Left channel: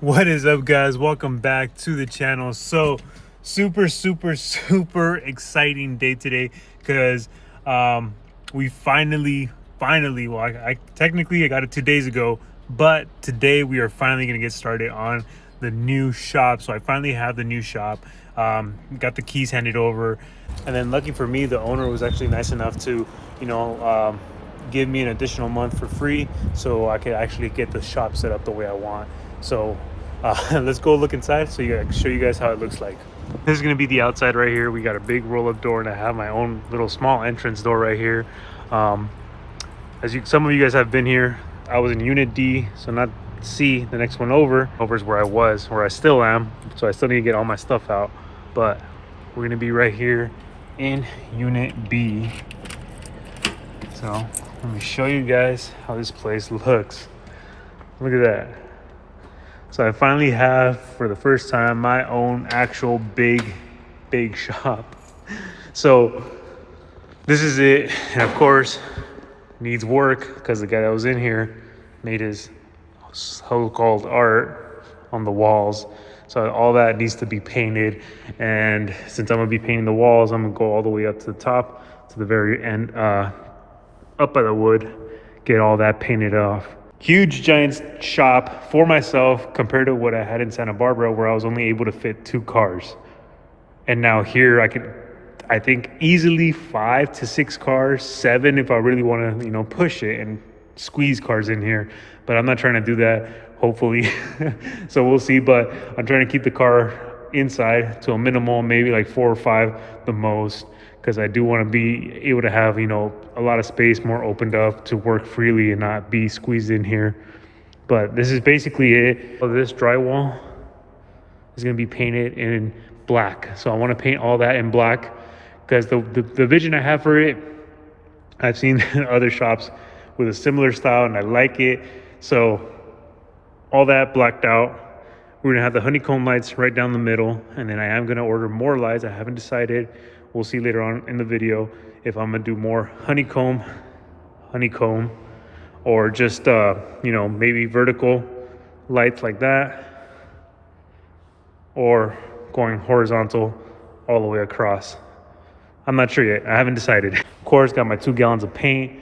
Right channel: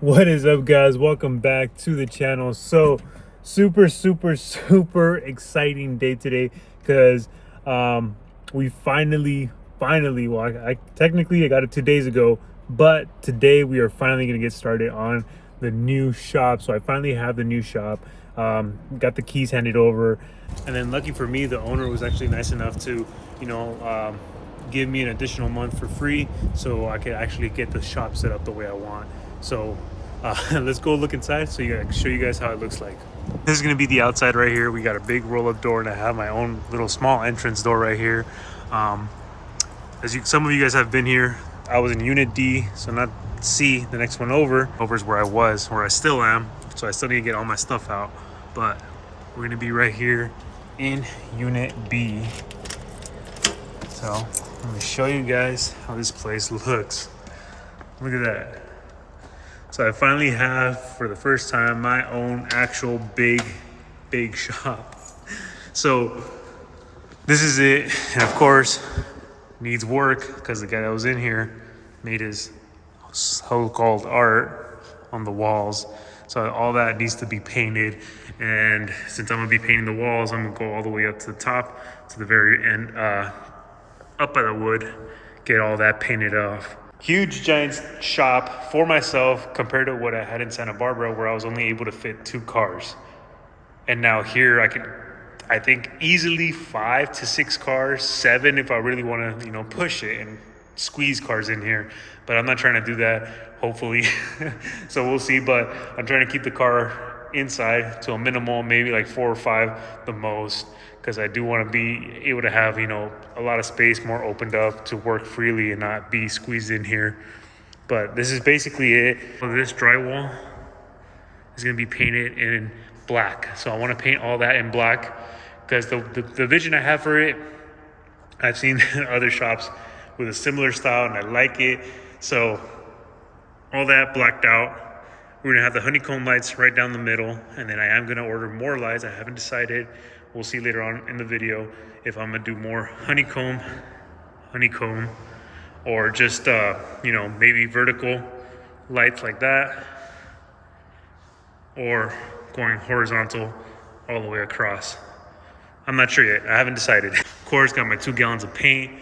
What is up, guys? Welcome back to the channel. So super exciting day today because we finally well, I technically I got it 2 days ago, but today we are finally gonna get started on the new shop. So I finally have the new shop, got the keys handed over, and then lucky for me, the owner was actually nice enough to give me an additional month for free so I could actually get the shop set up the way I want. So let's go look inside so I can show you guys how it looks like. This is going to be the outside right here. We got a big roll-up door, and I have my own little small entrance door right here. Some of you guys have been here. I was in Unit D, so not C, the next one over is where I still am. So I still need to get all my stuff out, but we're going to be right here in Unit B. So let me show you guys how this place looks. Look at that. So I finally have, for the first time, my own actual big shop. So this is it. And of course, needs work because the guy that was in here made his so-called art on the walls. So all that needs to be painted. And since I'm gonna be painting the walls, I'm gonna go all the way up to the top, to the very end, up by the wood, get all that painted off. Huge giant shop for myself compared to what I had in Santa Barbara, where I was only able to fit 2 cars. And now here I think easily 5 to 6 cars, 7 if I really want to, push it and squeeze cars in here. But I'm not trying to do that, hopefully. So we'll see, but I'm trying to keep the car inside to a minimal, maybe like 4 or 5 the most, because I do want to be able to have, a lot of space more opened up to work freely and not be squeezed in here. But this is basically it. This drywall is going to be painted in black. So I want to paint all that in black because the vision I have for it, I've seen other shops with a similar style and I like it. So all that blacked out. We're going to have the honeycomb lights right down the middle. And then I am going to order more lights. I haven't decided. We'll see later on in the video if I'm gonna do more honeycomb, or just maybe vertical lights like that, or going horizontal all the way across. I'm not sure yet. I haven't decided. Of course, got my 2 gallons of paint.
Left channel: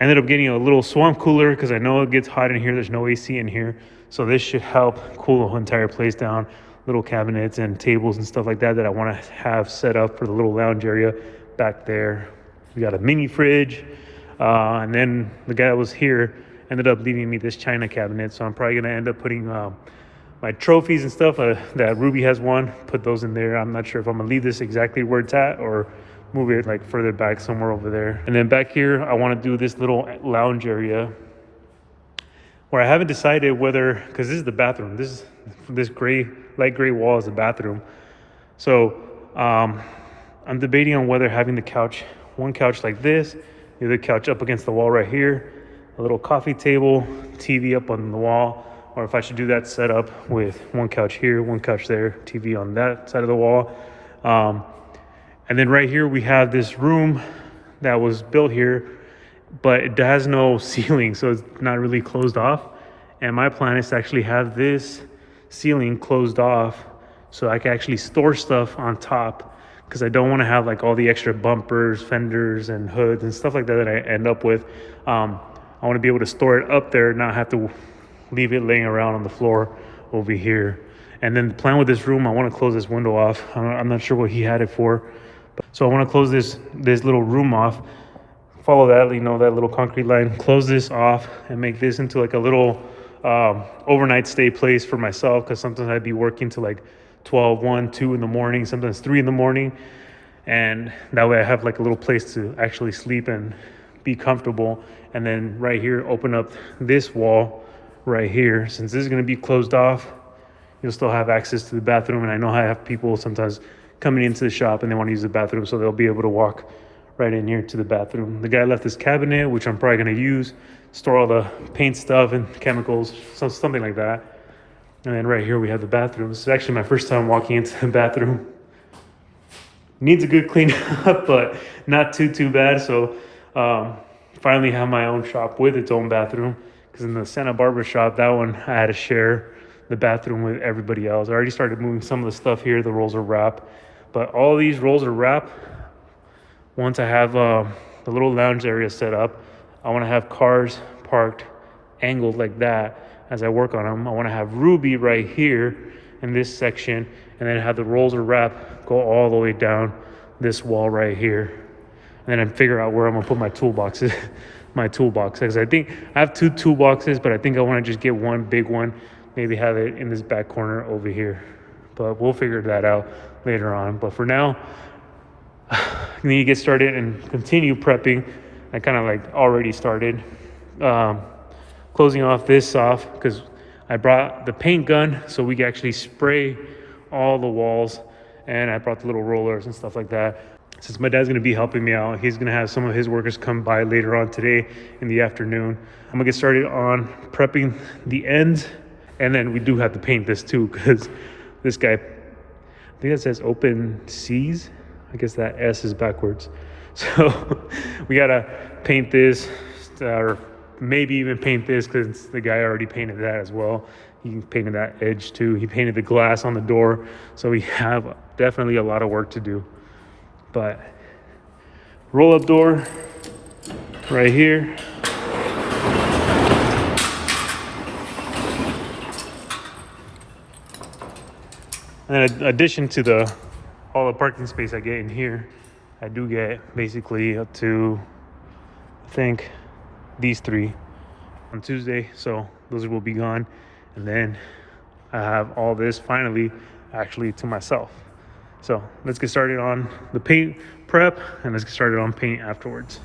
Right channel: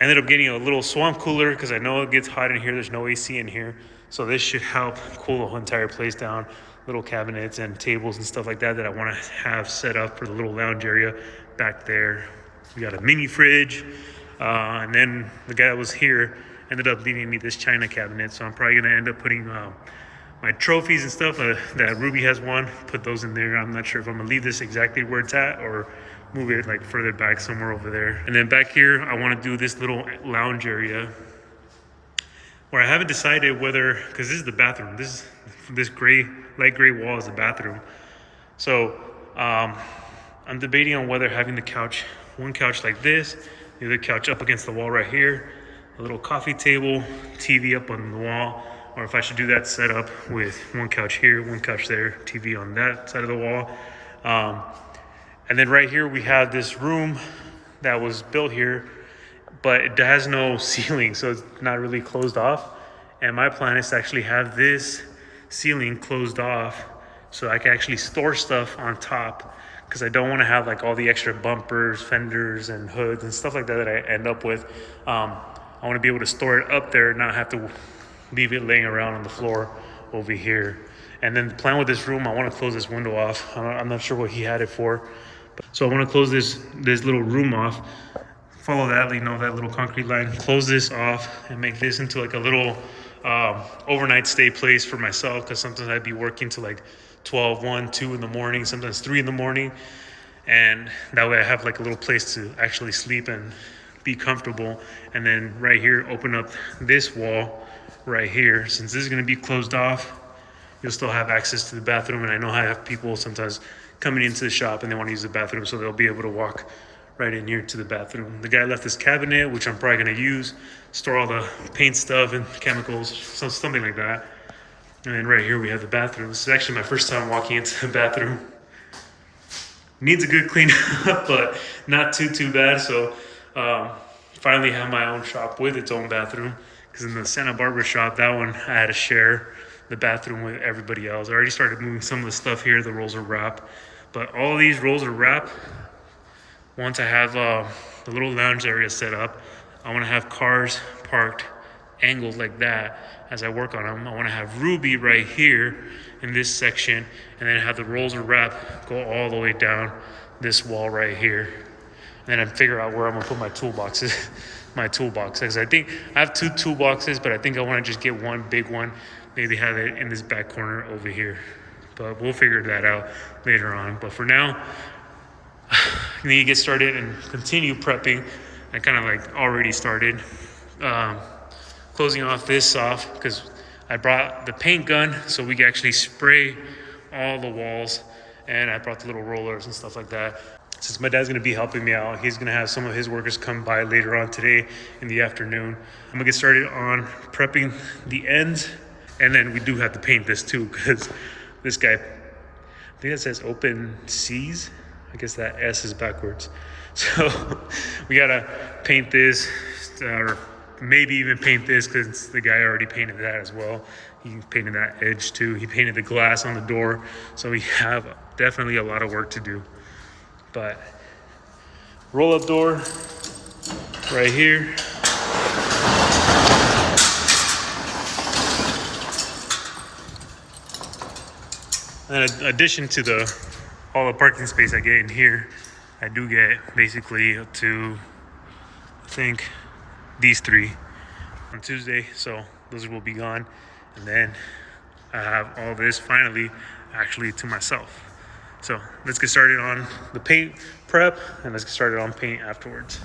I ended up getting a little swamp cooler because I know it gets hot in here. There's no AC in here, so this should help cool the whole entire place down. Little cabinets and tables and stuff like that I want to have set up for the little lounge area back there. We got a mini fridge, and then the guy that was here ended up leaving me this china cabinet, so I'm probably gonna end up putting my trophies and stuff that Ruby has won, put those in there. I'm not sure if I'm gonna leave this exactly where it's at or move it like further back somewhere over there. And then back here I want to do this little lounge area where I haven't decided whether, because this is the bathroom, this light gray wall is the bathroom. So I'm debating on whether having one couch like this, the other couch up against the wall right here, a little coffee table, TV up on the wall, or if I should do that setup with one couch here, one couch there, TV on that side of the wall. And then right here we have this room that was built here, but it has no ceiling, so it's not really closed off. And my plan is to actually have this ceiling closed off so I can actually store stuff on top, because I don't want to have like all the extra bumpers, fenders, and hoods and stuff like that I end up with. I want to be able to store it up there, not have to leave it laying around on the floor over here. And then the plan with this room, I want to close this window off. I'm not sure what he had it for. So I want to close this little room off. Follow that, that little concrete line. Close this off and make this into like a little overnight stay place for myself, because sometimes I'd be working till like 12, 1, 2 in the morning, sometimes 3 in the morning. And that way I have like a little place to actually sleep and be comfortable. And then right here, open up this wall right here. Since this is going to be closed off, you'll still have access to the bathroom. And I know I have people sometimes coming into the shop and they want to use the bathroom, so they'll be able to walk right in here to the bathroom. The guy left this cabinet, which I'm probably going to use, store all the paint stuff and chemicals, something like that. And then right here we have the bathroom. This is actually my first time walking into the bathroom. Needs a good clean up, but not too bad. So finally have my own shop with its own bathroom, because in the Santa Barbara shop, that one I had to share the bathroom with everybody else. I already started moving some of the stuff here, the rolls of wrap, but all these rolls of wrap, once I have the little lounge area set up, I want to have cars parked angled like that as I work on them. I want to have Ruby right here in this section, and then have the rolls of wrap go all the way down this wall right here. And then I figure out where I'm gonna put my toolboxes. My toolbox, because I think I have 2 toolboxes, but I think I want to just get one big one, maybe have it in this back corner over here. But we'll figure that out later on. But for now, I need to get started and continue prepping. I kind of like already started closing off this off, because I brought the paint gun so we can actually spray all the walls, and I brought the little rollers and stuff like that. Since my dad's gonna be helping me out, he's gonna have some of his workers come by later on today in the afternoon. I'm gonna get started on prepping the ends, and then we do have to paint this too, because this guy, I think it says open seas. I guess that S is backwards. So we gotta paint this, or maybe even paint this, because the guy already painted that as well. He painted that edge too. He painted the glass on the door. So we have definitely a lot of work to do. But roll up door right here. And in addition to all the parking space I get in here, I do get basically up to, I think, these 3 on Tuesday. So those will be gone. And then I have all this finally actually to myself. So let's get started on the paint prep, and let's get started on paint afterwards.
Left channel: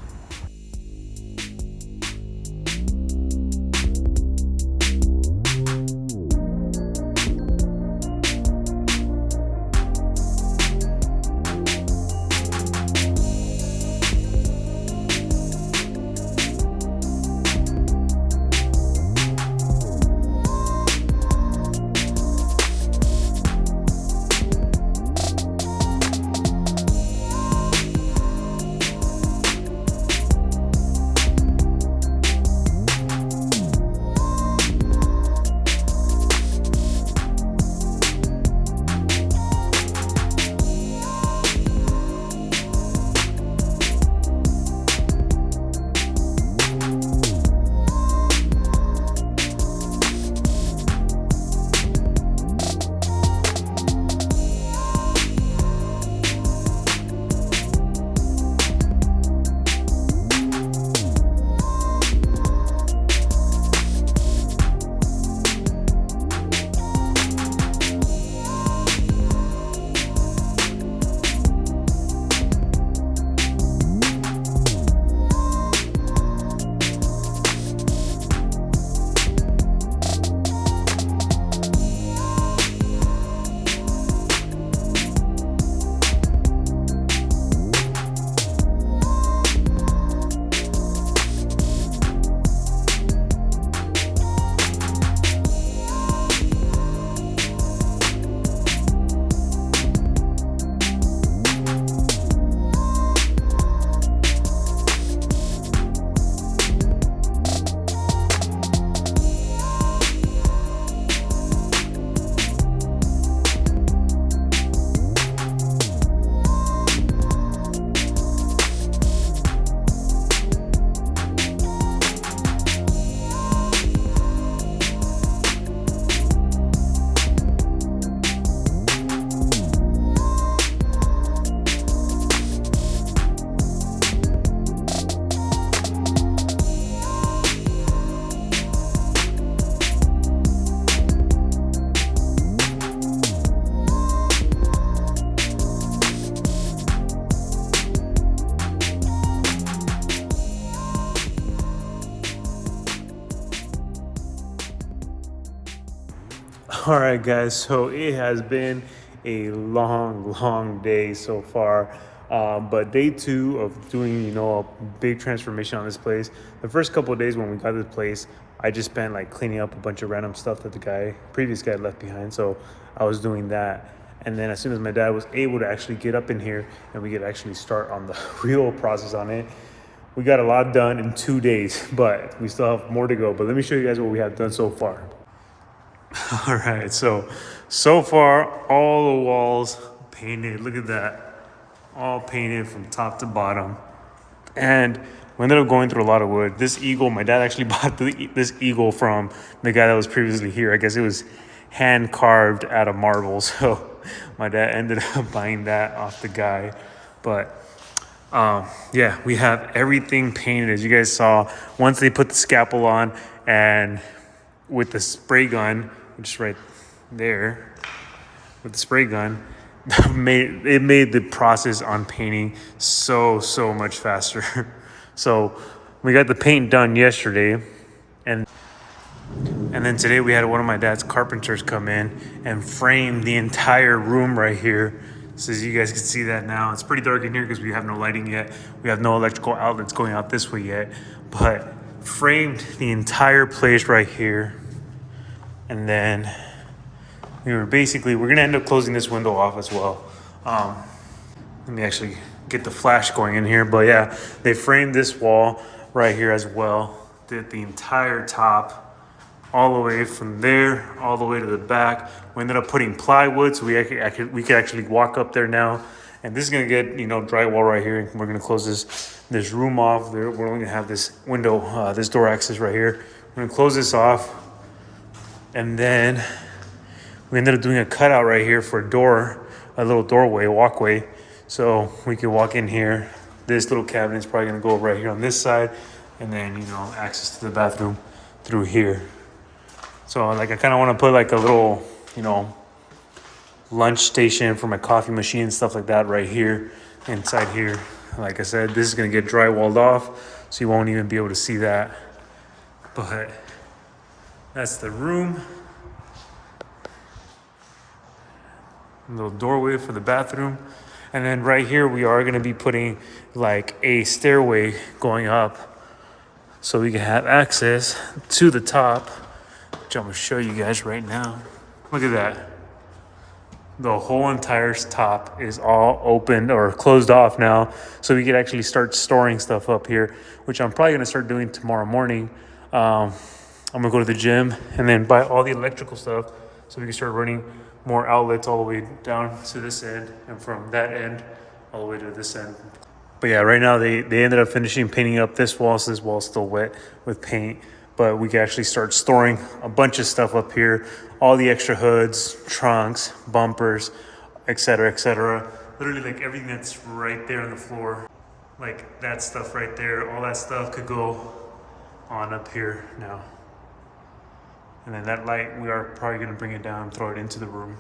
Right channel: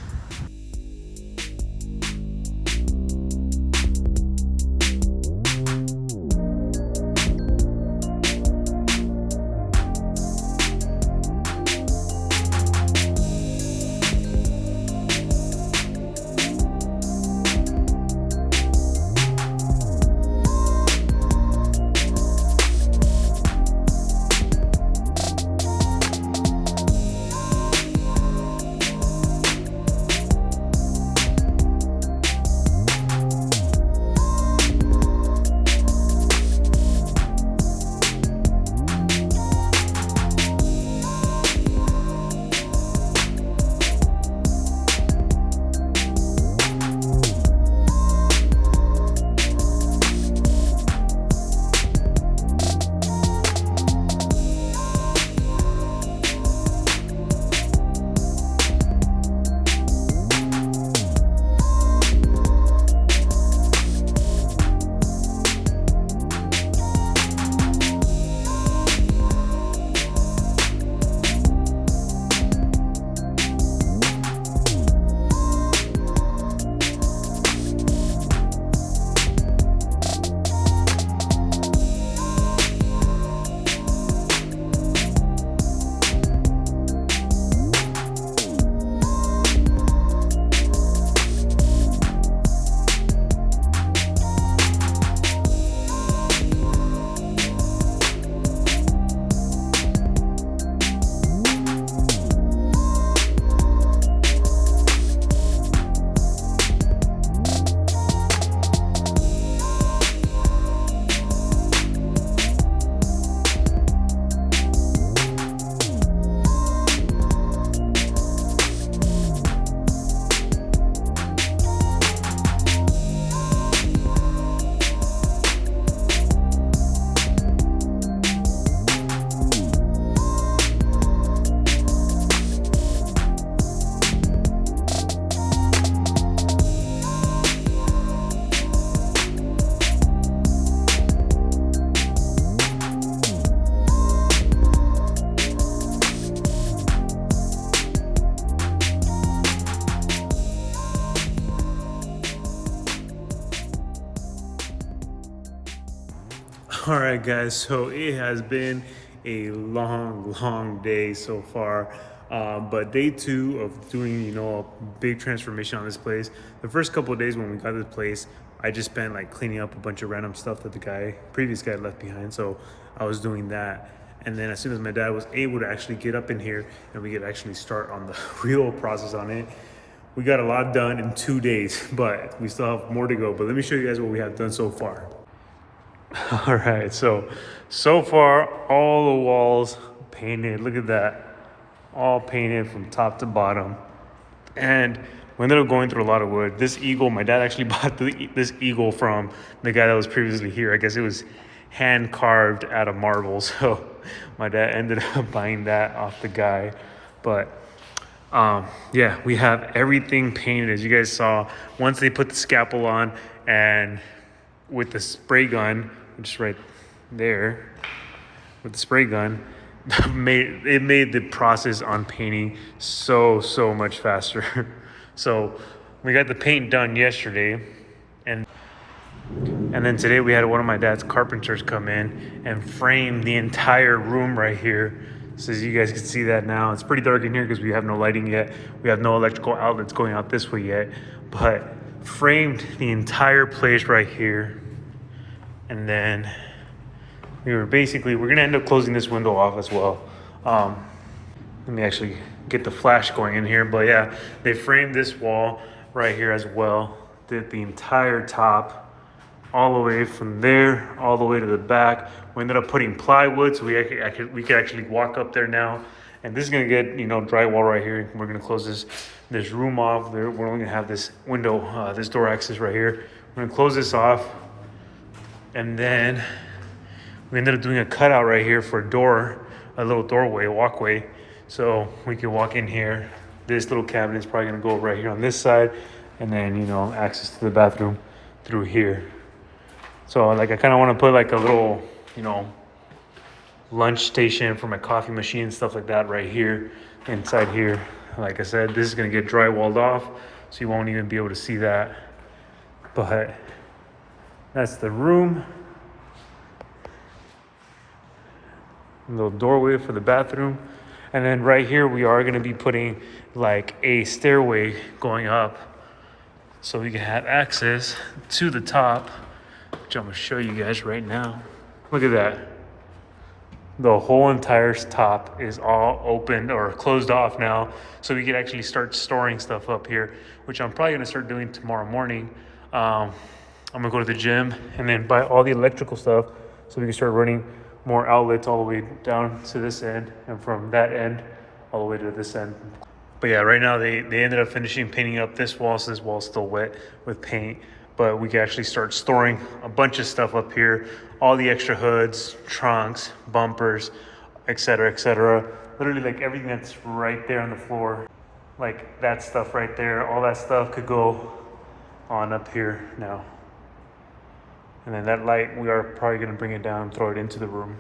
All right, guys, so it has been a long day so far, but day 2 of doing, a big transformation on this place. The first couple of days when we got this place, I just spent like cleaning up a bunch of random stuff that the previous guy left behind. So I was doing that. And then as soon as my dad was able to actually get up in here and we could actually start on the real process on it, we got a lot done in 2 days, but we still have more to go. But let me show you guys what we have done so far. All right, so far all the walls painted. Look at that, all painted from top to bottom. And we ended up going through a lot of wood. This eagle, my dad actually bought this eagle from the guy that was previously here. I guess it was hand carved out of marble. So my dad ended up buying that off the guy. But yeah, we have everything painted as you guys saw. Once they put the scalpel on and with the spray gun, which is right there, with the spray gun, it made the process on painting so much faster. So we got the paint done yesterday, and then today we had one of my dad's carpenters come in and frame the entire room right here. So as you guys can see that now, it's pretty dark in here because we have no lighting yet. We have no electrical outlets going out this way yet, but framed the entire place right here. And then we're gonna end up closing this window off as well. Let me actually get the flash going in here. But yeah, they framed this wall right here as well. Did the entire top, all the way from there, all the way to the back. We ended up putting plywood, so we could actually walk up there now. And this is gonna get, drywall right here. We're gonna close this room off. We're only gonna have this window, this door access right here. We're gonna close this off. And then we ended up doing a cutout right here for a door, a little doorway, walkway. So we can walk in here. This little cabinet is probably gonna go right here on this side. And then, access to the bathroom through here. So like I kind of want to put like a little, lunch station for my coffee machine and stuff like that right here, inside here. Like I said, this is gonna get drywalled off, so you won't even be able to see that. But that's the room. A little doorway for the bathroom. And then right here, we are gonna be putting like a stairway going up so we can have access to the top, which I'm gonna show you guys right now. Look at that. The whole entire top is all open or closed off now. So we can actually start storing stuff up here, which I'm probably gonna start doing tomorrow morning. I'm gonna go to the gym and then buy all the electrical stuff so we can start running more outlets all the way down to this end and from that end all the way to this end. But yeah, right now they ended up finishing painting up this wall, so this wall's still wet with paint. But we can actually start storing a bunch of stuff up here. All the extra hoods, trunks, bumpers, etc., etc. Literally like everything that's right there on the floor. Like that stuff right there, all that stuff could go on up here now. And then that light, we are probably gonna bring it down and throw it into the room.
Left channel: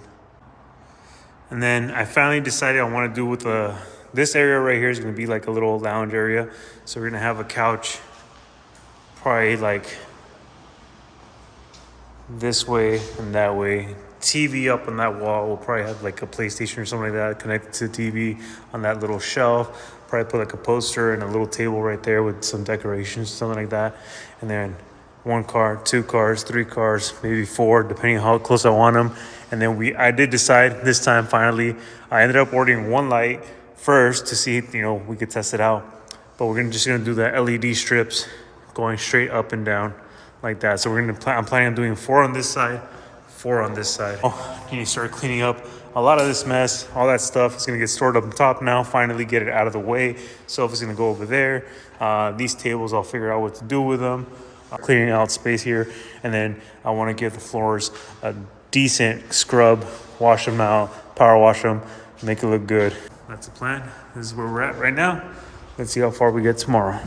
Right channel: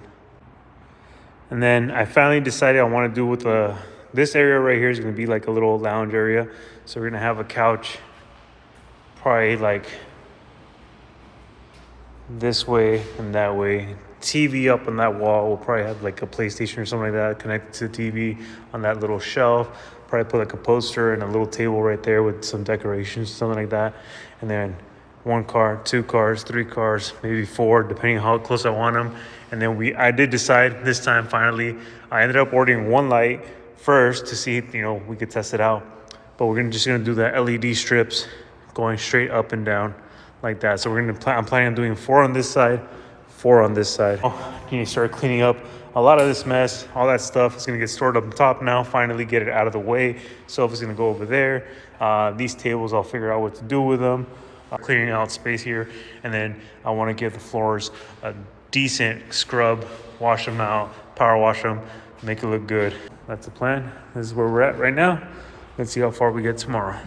And then I finally decided I wanna do with this area right here is gonna be like a little lounge area. So we're gonna have a couch probably like this way and that way. TV up on that wall. We'll probably have like a PlayStation or something like that connected to the TV on that little shelf. Probably put like a poster and a little table right there with some decorations, something like that. And then 1 car, 2 cars, 3 cars, maybe 4, depending on how close I want them. And then I did decide this time finally. I ended up ordering 1 light first to see, we could test it out. But we're just gonna do the LED strips going straight up and down like that. So I'm planning on doing 4 on this side, 4 on this side. You need to start cleaning up a lot of this mess. All that stuff is gonna get stored up top now, finally get it out of the way. Sofa's gonna go over there. These tables, I'll figure out what to do with them. Cleaning out space here. And then I wanna give the floors a decent scrub, wash them out, power wash them, make it look good. That's the plan. This is where we're at right now. Let's see how far we get tomorrow.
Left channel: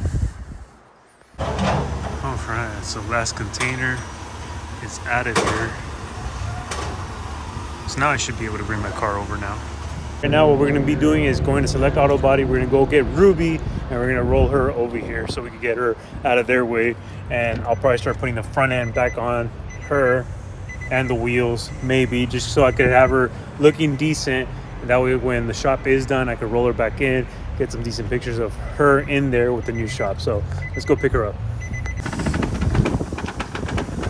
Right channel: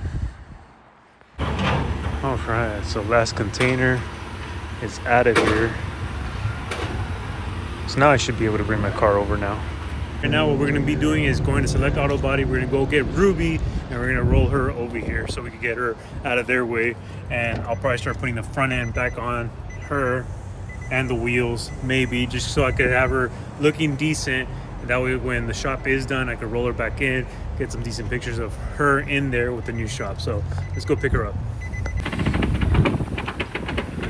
All right, so last container is out of here. So now I should be able to bring my car over now. Right now what we're gonna be doing is going to Select Auto Body. We're gonna go get Ruby and we're gonna roll her over here so we can get her out of their way. And I'll probably start putting the front end back on her and the wheels, maybe, just so I could have her looking decent. And that way when the shop is done, I could roll her back in, get some decent pictures of her in there with the new shop. So let's go pick her up.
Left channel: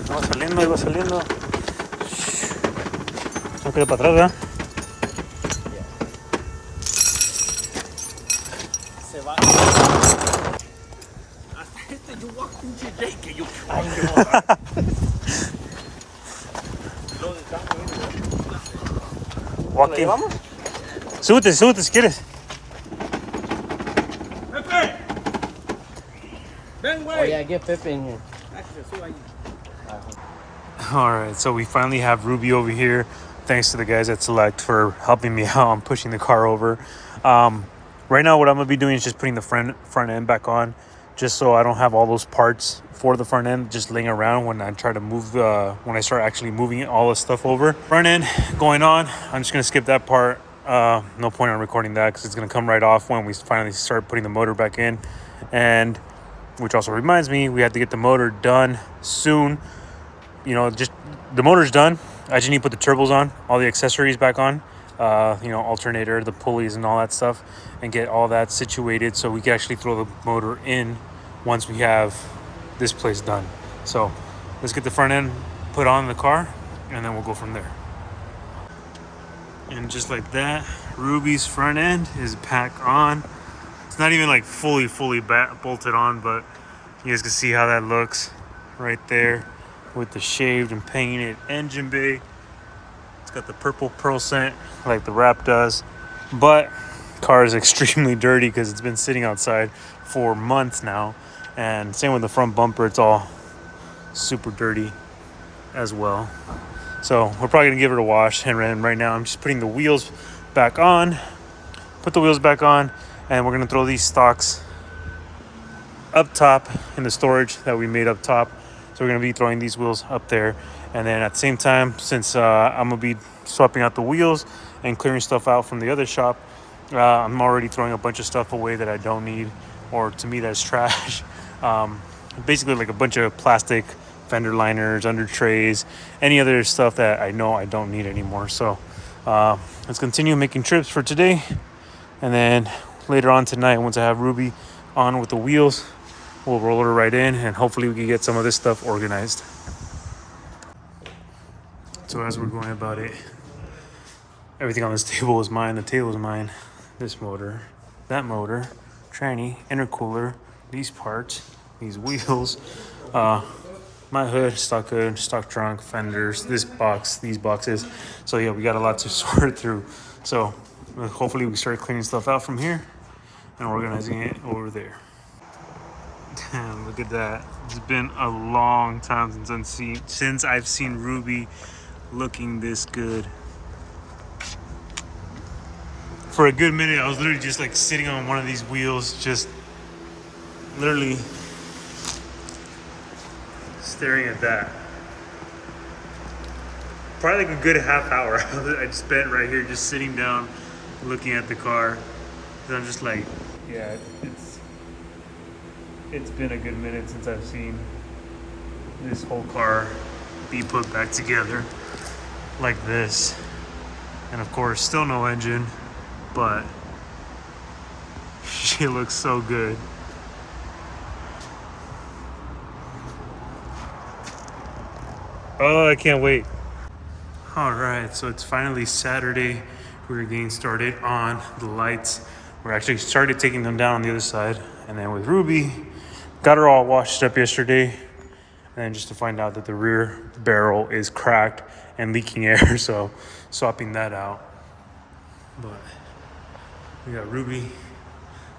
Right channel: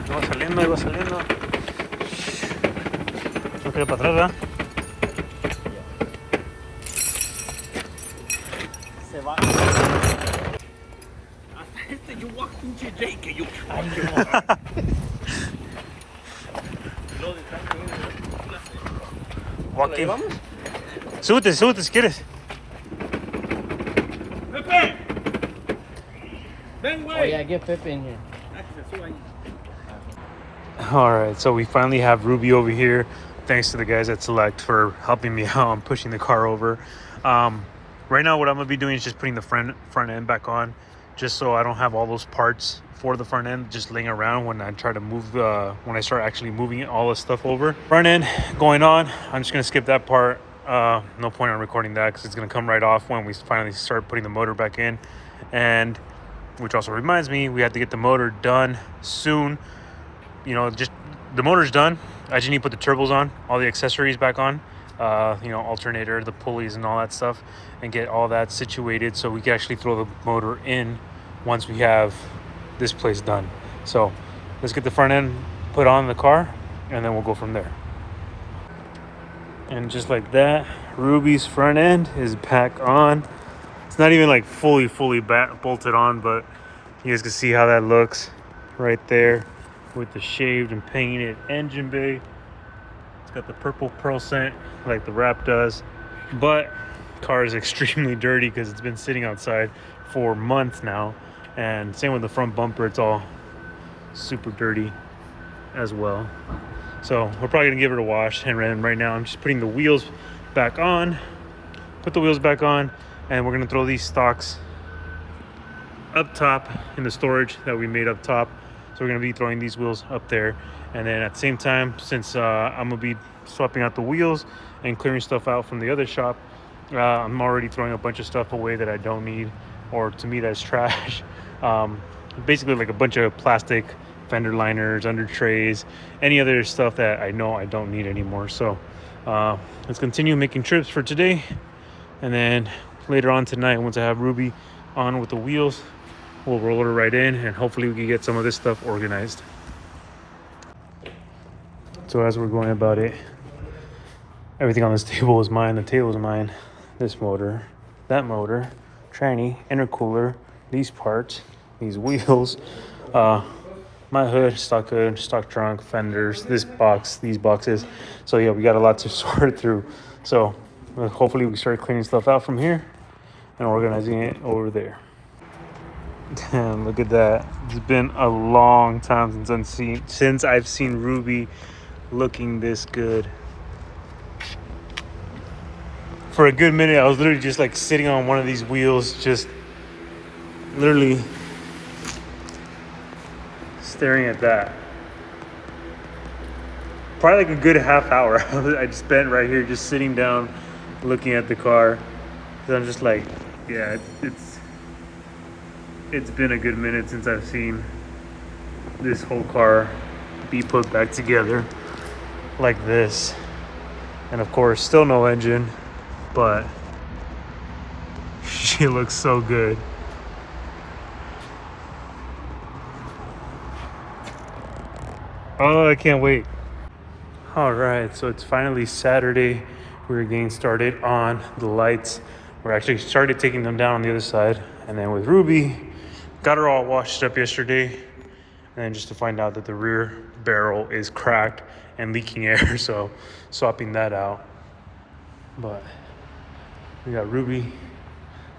Va saliendo. No queda para atrás, ¿verdad? Se va. Hasta you walked in today, que you Joaquín. Súbete, súbete si quieres. Pepe! Ven, Oh güey. yeah, get Pepe in here. All right, so we finally have Ruby over here. Thanks to the guys at Select for helping me out on pushing the car over. Right now, what I'm gonna be doing is just putting the front end back on, just so I don't have all those parts for the front end just laying around when I try to move when I start actually moving all the stuff over. Front end going on. I'm just gonna skip that part. No point on recording that because it's gonna come right off when we finally start putting the motor back in. And which also reminds me, we have to get the motor done soon. You know, just the motor's done. I just need to put the turbos on, all the accessories back on, you know, alternator, the pulleys and all that stuff, and get all that situated so we can actually throw the motor in once we have this place done. So let's get the front end put on the car and then we'll go from there. And just like that, Ruby's front end is back on. It's not even like fully bolted on, but you guys can see how that looks right there with the shaved and painted engine bay. It's got the purple pearl scent like the wrap does, but car is extremely dirty because it's been sitting outside for months now. And same with the front bumper, it's all super dirty as well. So we're probably gonna give it a wash, and right now I'm just putting the wheels back on. Put the wheels back on, and we're gonna throw these stocks up top in the storage that we made up top. So we're gonna be throwing these wheels up there, and then at the same time, since I'm gonna be swapping out the wheels and clearing stuff out from the other shop, I'm already throwing a bunch of stuff away that I don't need, or to me that's trash. Basically like a bunch of plastic fender liners, under trays, any other stuff that I know I don't need anymore. So let's continue making trips for today, and then later on tonight, once I have Ruby on with the wheels, we'll roll her right in, and hopefully we can get some of this stuff organized. So as we're going about it, everything on this table is mine. The table is mine. This motor, that motor, tranny, intercooler, these parts, these wheels, my hood, stock trunk, fenders, this box, these boxes. So yeah, we got a lot to sort through. So hopefully we start cleaning stuff out from here and organizing it over there. Damn, look at that. It's been a long time since I've seen Ruby looking this good. For a good minute, I was literally just like sitting on one of these wheels, just literally staring at that. Probably like a good half hour I spent right here just sitting down looking at the car. And I'm just like, yeah, it's been a good minute since I've seen this whole car be put back together like this. And of course, still no engine, but she looks so good. Oh, I can't wait. All right, so it's finally Saturday. We're getting started on the lights. We're actually started taking them down on the other side. And then with Ruby, got her all washed up yesterday. And then just to find out that the rear barrel is cracked and leaking air, so swapping that out. But we got Ruby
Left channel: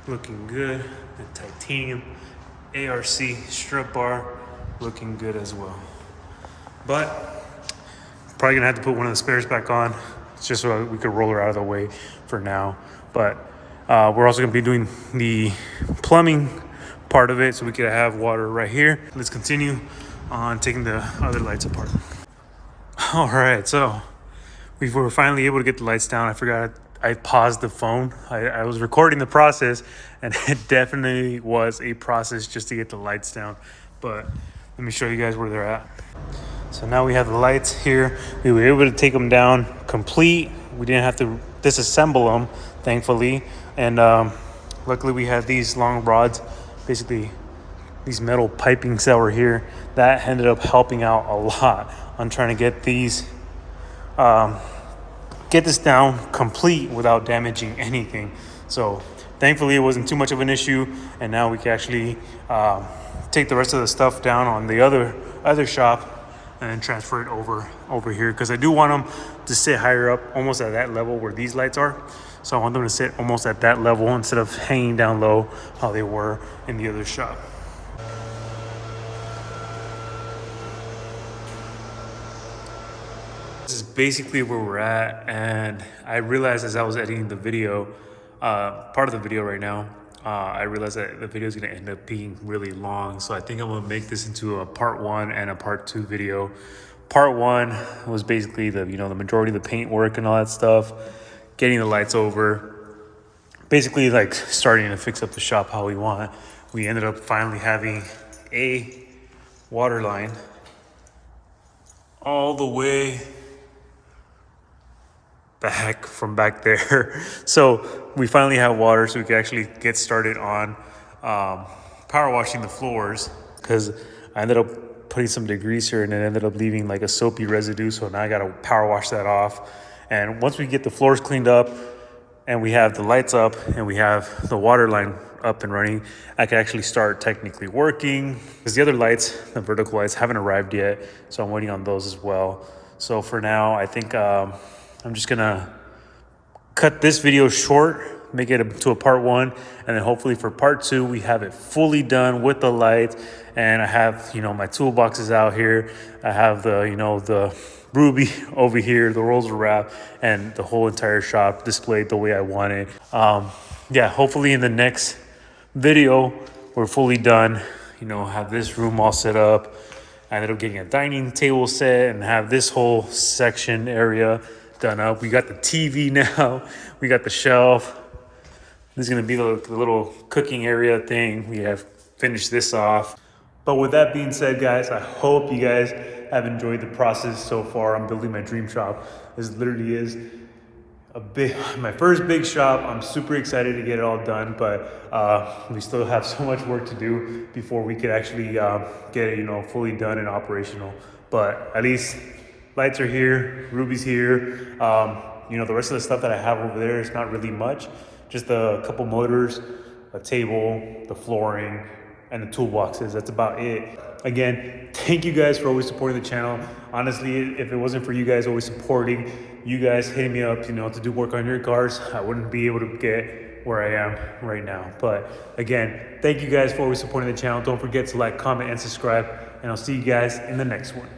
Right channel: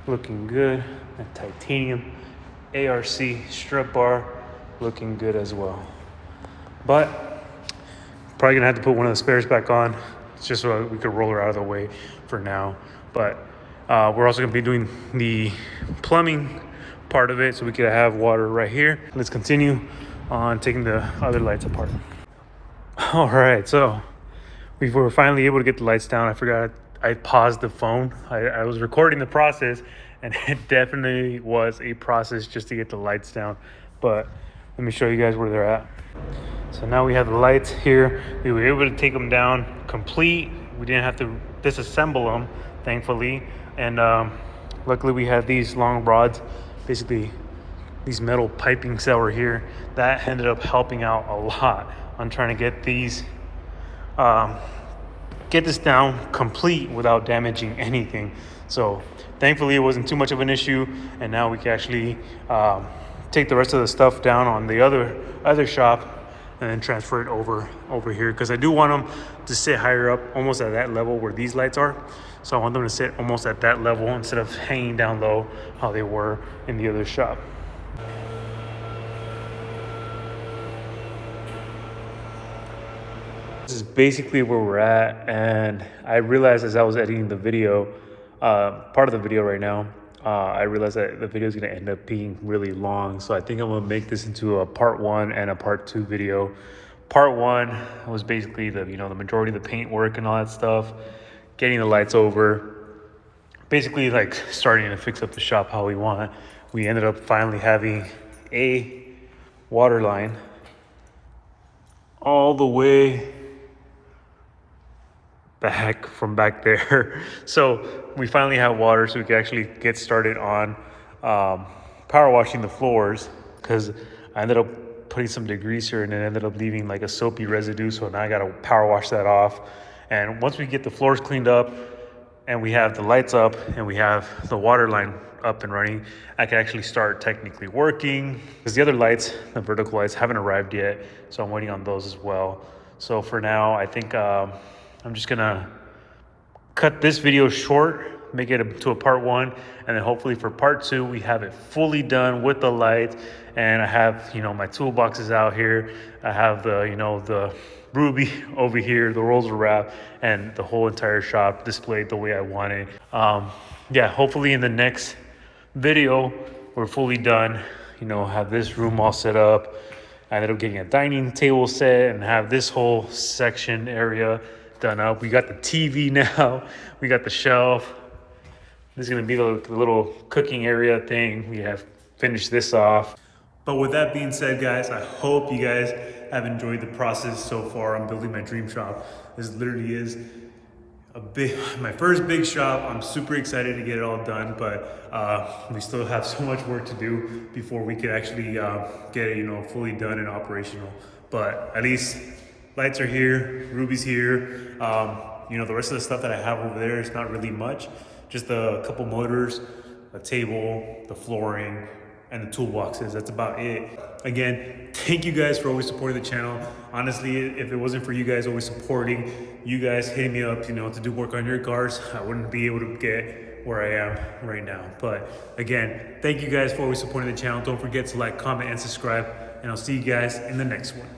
looking good, and titanium ARC strut bar looking good as well. But probably gonna have to put one of the spares back on just so we could roll her out of the way for now. But we're also gonna be doing the plumbing part of it so we could have water right here. Let's continue on taking the other lights apart. All right, so we were finally able to get the lights down. I forgot I paused the phone. I was recording the process, and it definitely was a process just to get the lights down. But let me show you guys where they're at. So now we have the lights here. We were able to take them down complete. We didn't have to disassemble them, thankfully. And luckily we have these long rods, basically these metal pipings that were here. That ended up helping out a lot on trying to get these, get this down complete without damaging anything. So thankfully it wasn't too much of an issue, and now we can actually take the rest of the stuff down on the other shop and then transfer it over here, because I do want them to sit higher up, almost at that level where these lights are. So I want them to sit almost at that level instead of hanging down low how they were in the other shop. This is basically where we're at, and I realized as I was editing the video, part of the video right now, I realized that the video is going to end up being really long. So I think I'm going to make this into a part 1 and a part 2 video. Part 1 was basically the majority of the paint work and all that stuff, getting the lights over, basically like starting to fix up the shop how we want. We ended up finally having a water line all the way back from back there. So we finally have water, so we can actually get started on power washing the floors, because I ended up putting some degreaser and it ended up leaving like a soapy residue. So now I gotta power wash that off. And once we get the floors cleaned up and we have the lights up and we have the water line up and running, I can actually start technically working, because the other lights, the vertical lights, haven't arrived yet. So I'm waiting on those as well. So for now, I think I'm just gonna cut this video short, make it to a part 1, and then hopefully for part 2 we have it fully done with the light. And I have my toolboxes out here. I have the the Ruby over here, the rolls of wrap, and the whole entire shop displayed the way I want it. Yeah, hopefully in the next video we're fully done. Have this room all set up. I ended up getting a dining table set and have this whole section area done up. We got the TV now. We got the shelf. This is gonna be the little cooking area thing. We have finished this off. But with that being said, guys, I hope you guys have enjoyed the process so far. I'm building my dream shop. This literally is my first big shop. I'm super excited to get it all done, but we still have so much work to do before we could actually get it fully done and operational. But at least lights are here, Ruby's here. The rest of the stuff that I have over there is not really much. Just a couple motors, a table, the flooring, and the toolboxes. That's about it. Again, thank you guys for always supporting the channel. Honestly, if it wasn't for you guys always supporting, you guys hitting me up, to do work on your cars, I wouldn't be able to get where I am right now. But again, thank you guys for always supporting the channel. Don't forget to like, comment, and subscribe, and I'll see you guys in the next one.